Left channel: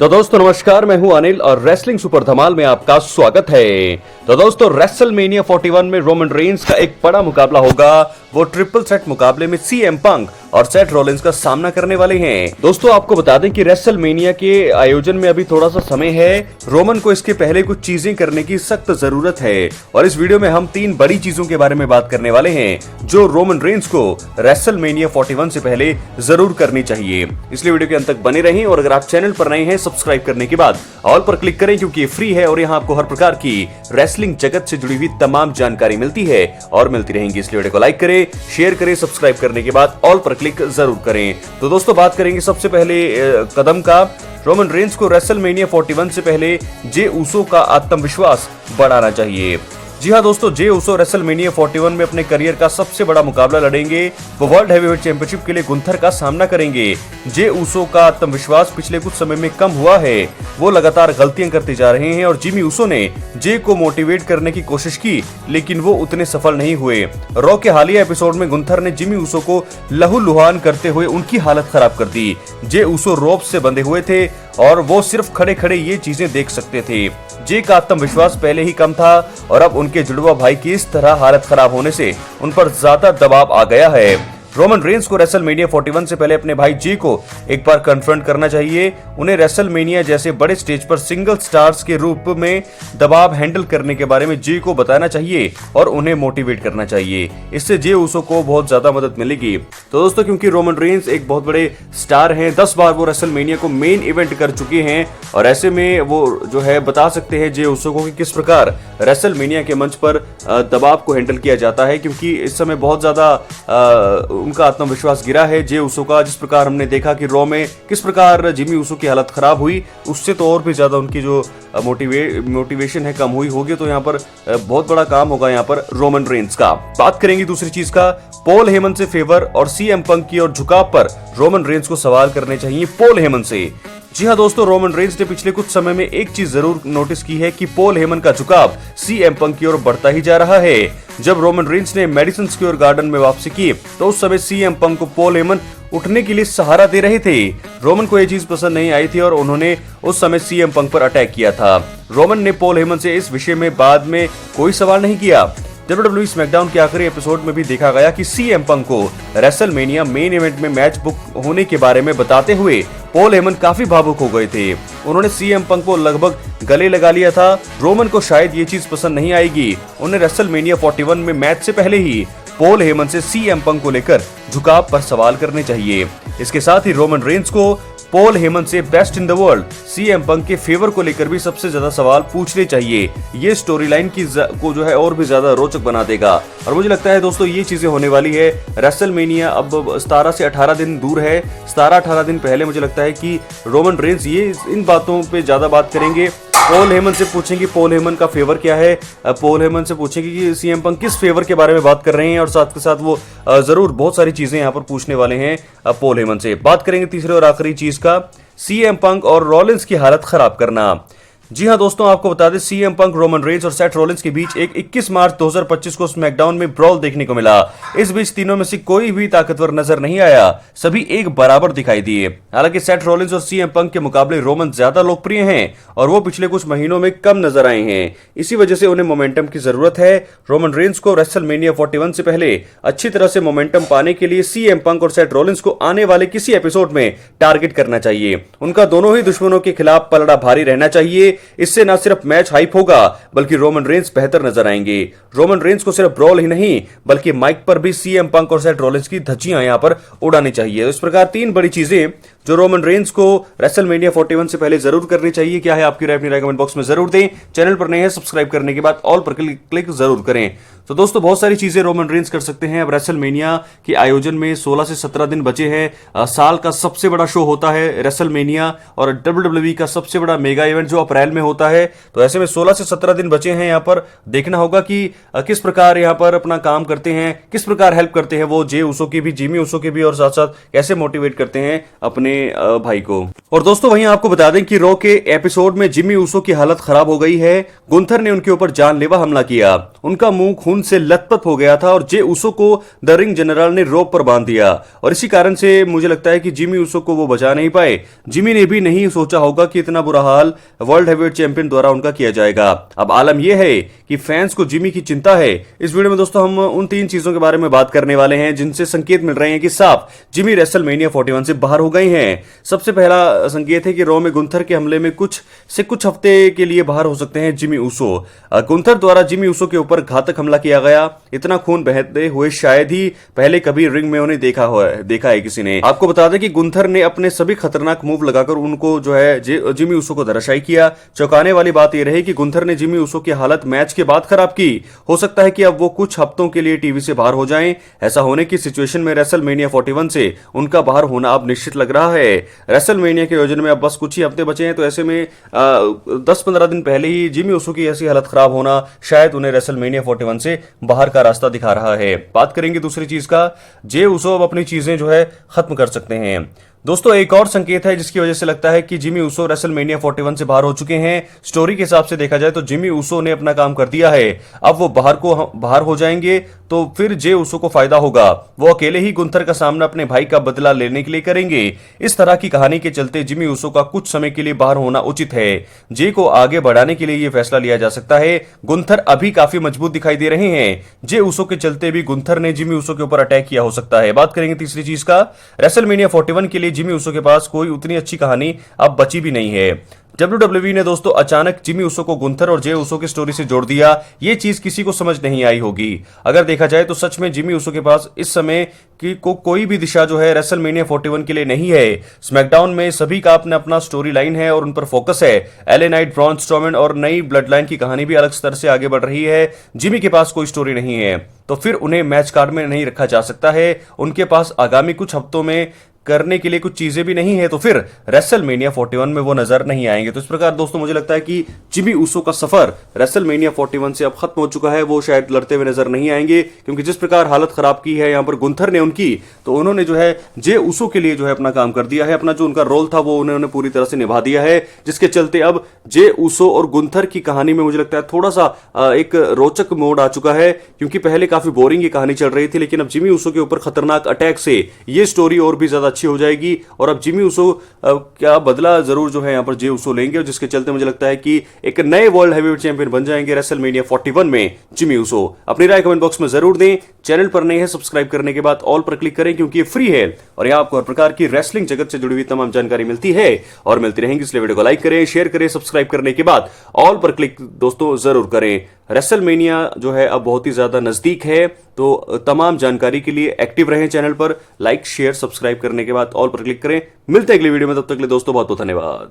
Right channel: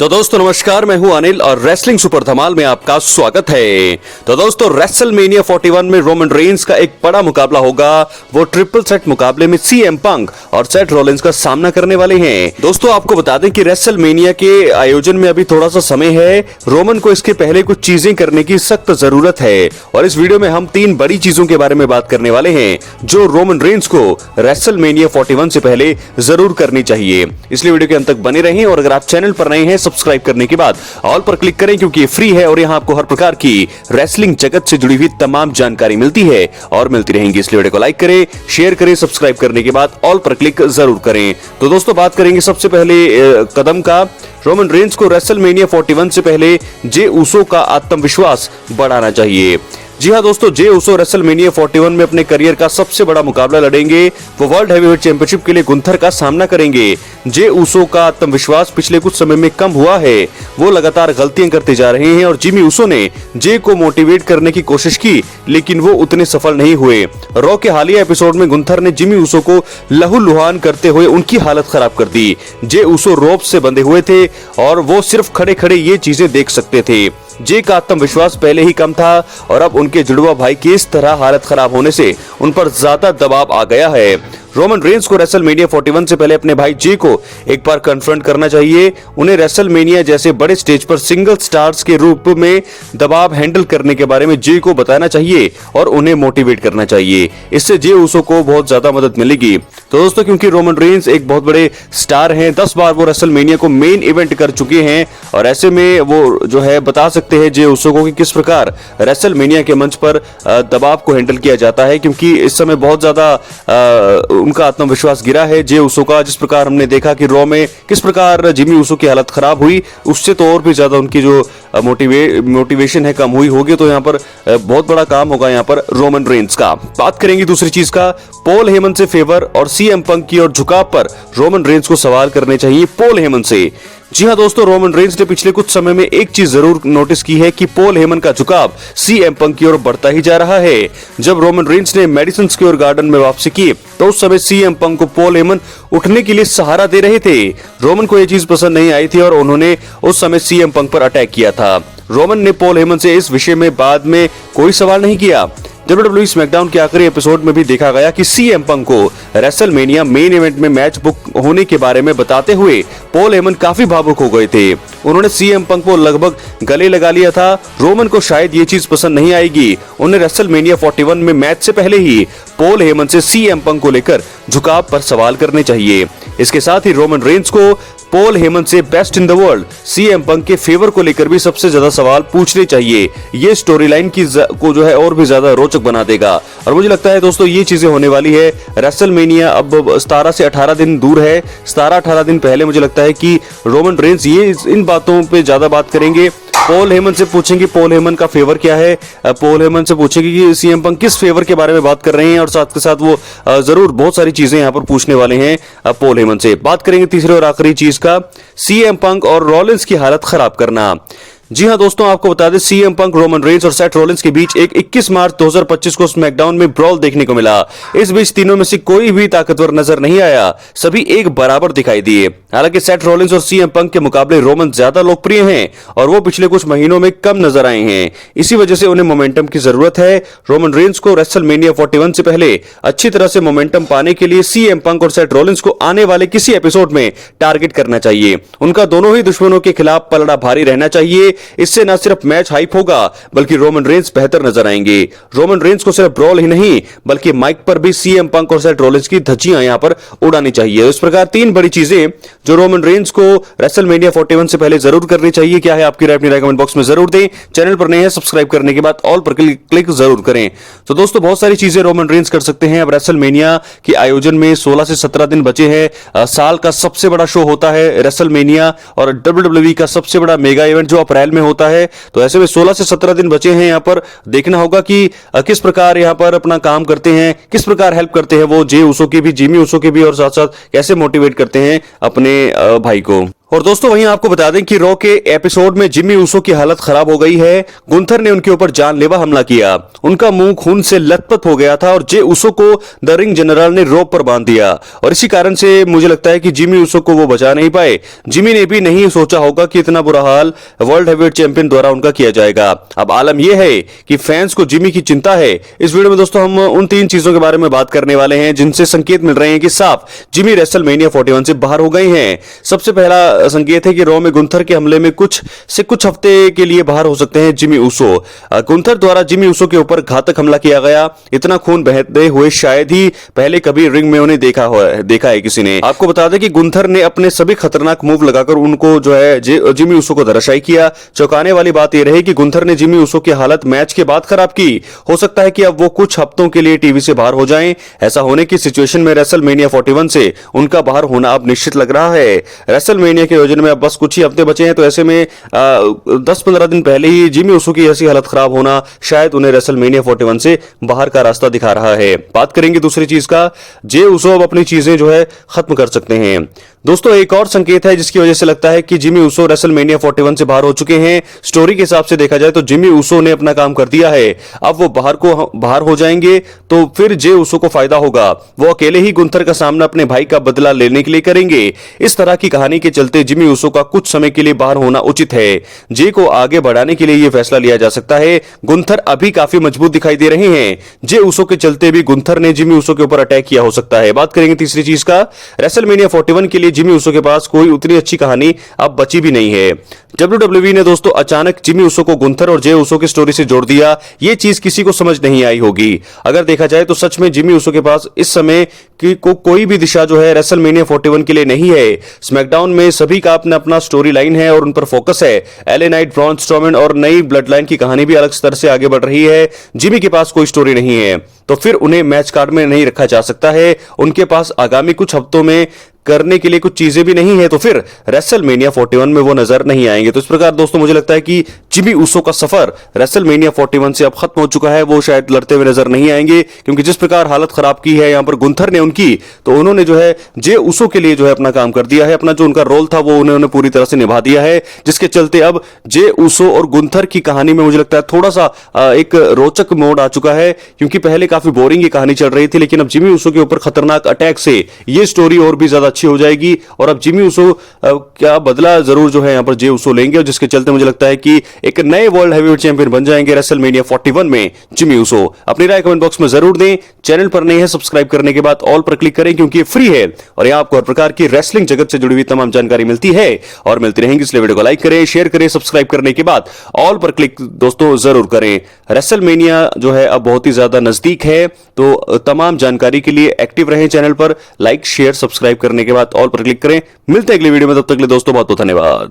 तो दोस्तों नमस्कार, मैं हूं अनिल और रेसलिंग सुपर धमाल में आपका स्वागत है। तो दोस्तों रेसलमेनिया 41 में रोमन रेंस का एक बड़ा मुकाबला होगा। वो ट्रिपल सेट मुकाबले में सीएम पंक और सेथ रॉलिंस का सामना करने वाले हैं। दोस्तों आपको बता दें कि रेसलमेनिया के आयोजन में अभी थोड़ा सा समय है। रोमन को इसके पहले कुछ चीजें करने की सख्त जरूरत है और इस वीडियो में हम 3 बड़ी चीजों के बारे में बात करने वाले हैं जो रोमन रेंस को रेसलमेनिया 41 से पहले जरूर करनी चाहिए। इसलिए वीडियो के अंत तक बने रहें और अगर आप चैनल पर नए हैं सब्सक्राइब करने के बाद ऑल पर क्लिक करें क्योंकि ये फ्री है और यहाँ आपको हर प्रकार की रेसलिंग जगत से जुड़ी हुई तमाम जानकारी मिलती है और मिलती रहेंगी। इसलिए वीडियो को लाइक करें, शेयर करें, सब्सक्राइब करने के बाद ऑल पर क्लिक जरूर करें। तो दोस्तों बात करेंगे सबसे पहले कदम का। रोमन रेंस को रेसलमेनिया 41 से पहले जे उसो का आत्मविश्वास बढ़ाना चाहिए। जी हाँ दोस्तों, जे उसो रेसलमेनिया 41 में अपने करियर का सबसे बड़ा मुकाबला लड़ेंगे। वो वर्ल्ड हैवीवेट चैंपियनशिप के लिए गुंथर का सामना करेंगे। जे उसो का आत्मविश्वास पिछले कुछ समय में कम हुआ है। वो लगातार गलतियां करते जा रहे हैं और जिमी उसो ने जे को मोटिवेट करने की कोशिश की लेकिन वो उतने सफल नहीं हुए। रॉ के हालिया एपिसोड में गुंथर ने जिमी उसो को लहूलुहान करते हुए उनकी हालत खराब कर दी। जे उसो रोप से बंधे हुए थे और वो सिर्फ खड़े खड़े ये चीजें देख सकते थे। जे का आत्मविश्वास पहले ही कम था और अब उनके जुड़वा भाई की इस तरह हालत खराब होने से उन पर ज्यादा दबाव आ गया है। रोमन रेंस को रेसलमेनिया 41 से पहले अपने भाई जे को एक बार कन्फ्रंट करना चाहिए। उन्हें रेसलमेनिया जैसे बड़े स्टेज पर सिंगल स्टार्स के रूप में दबाव हैंडल करने के बारे में जे को बताना चाहिए और उन्हें मोटिवेट करना चाहिए। इससे जे उसो को बहुत ज्यादा मदद मिलेगी। तो दोस्तों क्योंकि रोमन रेंस एक बहुत बड़े स्टार हैं, 10 बार वो रेसलमेनिया को मेन इवेंट कर चुके हैं और ऐसे में वो जो है बता सकते हैं जे उसो को कि किस प्रकार रेसलमेनिया के मंच पर दबाव को हैंडल किया जाता है, क्योंकि इस समय बहुत ज्यादा उनका आत्मविश्वास गिरा है जे उसो का। जिस प्रकार हमने देखा कि रॉ में किस प्रकार जिमी उसो की हालत खराब हुई, उससे तो और भी ज्यादा उनकी जो मोटिवेशन है कम हुई होगी। तो यहाँ पर बहुत बड़ा काम होगा यहाँ पर रोमन रेंस का। बात करेंगे दूसरी चीज का, पॉल हेमन से फेवर और सीएम पंक की और झुकाव पर रोमन रेंस को सवाल करने चाहिए पॉल हेमन से। जी हाँ दोस्तों, रोमन रेंस ने पिछले कुछ समय में एक चीज जरूर नोटिस की है कि पॉल हेमन का झुकाव सीएम पंक की ओर बढ़ता ही जा रहा है। जब रोमन रेंस ने मेडिसन स्क्वेयर गार्डन में वापसी की तो उस समय सीएम पंक को पॉल हेमन उठने के लिए सहारा दे रहे थे। रोमन को यह चीज पसंद नहीं आई थी और उन्होंने उस समय सीएम पंक पर अटैक किया था। रोमन ने पॉल हेमन से इस विषय में बाद में कोई सवाल नहीं किया। WWE स्मैकडाउन के आखिरी एपिसोड में भी देखा गया कि सीएम पंक को रेसलमेनिया मेन इवेंट में मैच बुक होने के बारे में बताते हुए पॉल हेमन काफी भावुक हो गए थे। उन्होंने सीएम पंक को लगभग गले लगा लिया था। रोमन को शायद ये चीज पसंद नहीं आएगी। उन्हें रेसलमेनिया 41 में मैच से पहले ही पॉल हेमन से सीएम पंक को लेकर झुकाव पर सवाल करने चाहिए। इसके साथ ही रोमन रेंस को पॉल हेमन से best in the world CM Punk के फेवर को लेकर भी सबसे ज्यादा सवाल पूछने चाहिए। ये स्टोरी लाइन को जो है और भी ज्यादा रोचक बना देगा और मुझे लगता है दोस्तों ये चीजें होने वाली है। रेसलमेनिया अब 17 से 18 दिन दूर है। 17-18 दिन पहले मुझे लगता है कि रोमन रेंस ये इन बातों पे ज्यादा बात करेंगे। पॉल हेमन से पूछेंगे पॉल हेमन का फेवर क्या है, पॉल हेमन से पूछेंगे कि सीएम पंक किस फेवर के बारे में बात कर रहे हैं और साथ के साथ वो जरूर बहुत सारी चीजें यहाँ पर पूछने वाले हैं पॉल हेमन से। बात करेंगे तीसरे और आखिरी चीज का, सीएम पंक और रॉलिंस की हालत खराब करना। जी हाँ दोस्तों, आपको बता दें सीएम पंक, रोमन रेंस और सेथ रॉलिंस के बीच एक 21 मार्च 2025 को स्मैकडाउन में ब्रॉल देखने को मिला। इस बीच तीनों में से कोई भी ताकतवर नजर नहीं आया, सभी एक बराबर दिखाई दिए। हालांकि सेथ रॉलिंस और सीएम पंक के मुकाबले रोमन ज्यादा लोकप्रिय हैं और वो पिछले कुछ महीनों में कम नजर आए हैं। इसी वजह से उन्हें मोमेंटम की जरूरत है। रोमन रेंस को रेसलमेनिया 41 से पहले अच्छी तरह से मोमेंटम पाने के लिए सीएम पंक और सेथ रॉलिंस को आने वाले किसी एपिसोड में टारगेट करना चाहिए। उनका दोनों ही दुश्मनों के खिलाफ पलड़ा भारी रहना चाहिए। इससे न सिर्फ मैच हाइप होगा बल्कि रोमन रेंस बेहतर नजर आएंगे। रोमन रेंस को सिर्फ ब्रॉल ही नहीं बल्कि माइक पर भी सीएम पंक और सेथ रॉलिंस की धज्जियां यहां पर उड़ानी चाहिए। इस प्रकार 3 बड़ी चीजें जो रोमन रेंस को रेसलमेनिया 41 से पहले जरूर करनी चाहिए। क्या है आपकी राय, अपनी राय कमेंट बॉक्स में जरूर दें। चैनल पर नए हैं सब्सक्राइब करने के बाद ऑल पर क्लिक जरूर करें। तो दोस्तों बहुत सारी चीजें रोमन रेंस कर सकते हैं। अब रेसलमेनिया के आयोजन में 16 से 17 दिन बचे हैं। साल का सबसे बड़ा शो होता है रेसलमेनिया और WWE का सबसे बड़ा मेगा इवेंट जो अप्रैल ट्रायल में होता है। तो ऐसे में 16 से 17 दिन बचे हैं, यहाँ पर देखना होगा कि किस प्रकार यहाँ पर अपना काम करते हैं, किस प्रकार हेल्प करते हैं वो जे उसो की भी, जिमी उसो की भी, और साथ साथ कैसे मोटिवेट करते हैं अपने भाई को। और दोस्तों वहीं आपको बता दें कि रॉ के एपिसोड में जिमी उसो की हालत खराब हो गई है। गुंथर ने उनके ऊपर जानलेवा हमला किया, उनका मुंह खून से लथपथ हो गया था और जे उसो को द रिंग जनरल ने रोप पर बांध दिया, और इसी कारण से मुझे लगता है कि जिमी उसो को वो बचा नहीं पाए। जिमी ने भी नहीं सोचा होगा कि इतना बुरा हाल वर्ल्ड हेवीवेट चैंपियन द्वारा उनका किया जाएगा। अब आलम यह है कि फैंस को जिमी की चिंता है। इस वीडियो में दोस्तों हम उन 3 चीजों के बारे में बात करने वाले हैं जिनसे संकेत मिल रहे हैं कि साफ जिमी रेसलमेनिया 41 से बाहर हो गए हैं। सबसे पहला संकेत है कि रॉ में गुंथर के हमले में कुछ हफ्ते के लिए बाहर हो सकते हैं जिमी उसो। गुंथर द्वारा जिमी उसो के ऊपर घातक हमला किया गया, इतना खून बहते हुए शायद ही पहले कभी रिंग में उन्हें देखा है किसी ने। आपको बता दें कि गुंथर ने अपने सभी खतरनाक मूव लगाकर उनको जो है जिमी उसो को धराशायी किया। चौंकाने वाली बात यह रही कि गुंथर ने जिमी उसो की हालत मैच के बाद खराब की। हो सकता है कि अब वो कुछ हफ्तों के लिए टीवी से बाहर हो जाएं। ऐसा होने की सिचुएशन में रेसलमेनिया 41 से उनका बाहर होना अब निश्चित लग रहा है। रेसलमेनिया के आयोजन में अब बस कुछ ही हफ्ते बचे हैं, तो ऐसे में 10-15 दिन पहले ही जिमी उसो की ऐसी हालत खराब होना शायद उन्हें रेसलमेनिया 41 से बाहर का रास्ता दिखा रहा है। बात करेंगे दूसरी चीज का, जे उसो अब अपनी चीजें जो है खत्म कर सकते हैं। दोस्तों एक और संकेत है जिसकी वजह से लगता है कि जिमी उसो रेसलमेनिया 41 से बाहर हो चुके हैं। स्टोरी के हिसाब से देखा जाए तो जिमी उसो ने अपना काम कर दिया है। अब वो बाहर हो जाएंगे तो फिर जे उसो को फायदा होगा। वो अकेले ही गुंथर का सामना अपने भाई का बदला लेने के लिए करेंगे। इस तरह की कहानी के चलते जिमी उसो का कुछ समय के लिए बाहर होना उचित है। जे को आगे बढ़ाने के लिए यह फैसला लिया जा सकता है। गुंथर अभी काफी मजबूत दिखाई दे रहे हैं। जे उसो के चलते भी गुंथर ने जिमी उसो के ऊपर अटैक किया हो सकता है। बात करेंगे तीसरी चीज का, रेसलमेनिया 41 के लिए जिमी उसो के पास कोई उतनी अच्छी कहानी अब बची भी नहीं है। WWE ने दोस्तों अचानक जिमी उसो को गुंथर और जे उसो की स्टोरी से जोड़ दिया। यह चीज किसी को समझ नहीं आई होगी। अगर देखा जाए तो सच में जिमी उसो के पास इस समय की कोई भी दिशा जो है रेसलमेनिया 41 के लिए नहीं है। स्मैकडाउन में सभी का अपना अपना स्टोरी लाइन है और उन पर फोकस है। एले नाइट, ब्रॉन स्ट्रोमैन और नई ब्लड लाइन की कहानी भी अलग स्तर से आगे बढ़ रही है। जिमी के पास कोई स्टोरी नहीं है तो फिर उन्हें मैच कार्ड में नहीं रखा जा सकता है। उनके पास आगामी कुछ हफ्तों में करने के लिए कुछ चीजें भी नहीं है, तो फिर रेसलमेनिया 41 में वो नजर नहीं आएंगे। तो इस प्रकार दोस्तों मुझे लगता है कि जिमी उसो का सफर रेसलमेनिया 41 से अब खत्म हो चुका है। वो शायद लड़ते हुए नजर नहीं आएंगे, क्योंकि जिस प्रकार हालत खराब की है यहाँ पर गुंथर ने उनकी, तो उन्होंने जो है जे उसो के लिए जो है अपना काम कर दिया है। अपना जो उनका रोल था वो उन्होंने पूरी तरह से निभा दिया है, जिसके चलते अब जे उसो और गुंथर की कहानी में मुझे लगता है थोड़ा सा एक रोचक मोड़ आ चुका है। क्योंकि पहले काफी बोरिंग ये कहानी चल रही थी, लेकिन अब जिमी उसो के ऊपर खतरनाक अटैक से ये स्टोरी और भी ज्यादा अच्छी हो जाएगी। और अब जिमी उसो क्या बदला जरूर जो है यहां पर जे उसो लेंगे, और जिसके चलते मुझे लगता है कि एक नए वर्ल्ड हेवीवेट चैंपियन बन जाएंगे रेसलमेनिया 41 में जिमी उसो। अपनी राय कमेंट बॉक्स में जरूर दें। चैनल पर नए हैं सब्सक्राइब करने के बाद ऑल पर क्लिक करें, क्योंकि ये फ्री है और यहां आपको हर प्रकार की रेसलिंग जगत से जुड़ी हुई तमाम जानकारी मिलती है और मिलती रहेंगी। इसलिए वीडियो को लाइक करें, शेयर करें, सब्सक्राइब करने के बाद ऑल पर क्लिक दोस्तों जरूर करें। रेसलमेनिया जो है अब बहुत ही ज्यादा नजदीक है, तो तमाम जानकारी के लिए एक्टिव रहें चैनल पर। लाइक, शेयर, सब्सक्राइब करने के बाद ऑल पर क्लिक करें। मिलते हैं अगली वीडियो में, तब तक के लिए दोस्तों बहुत बहुत धन्यवाद।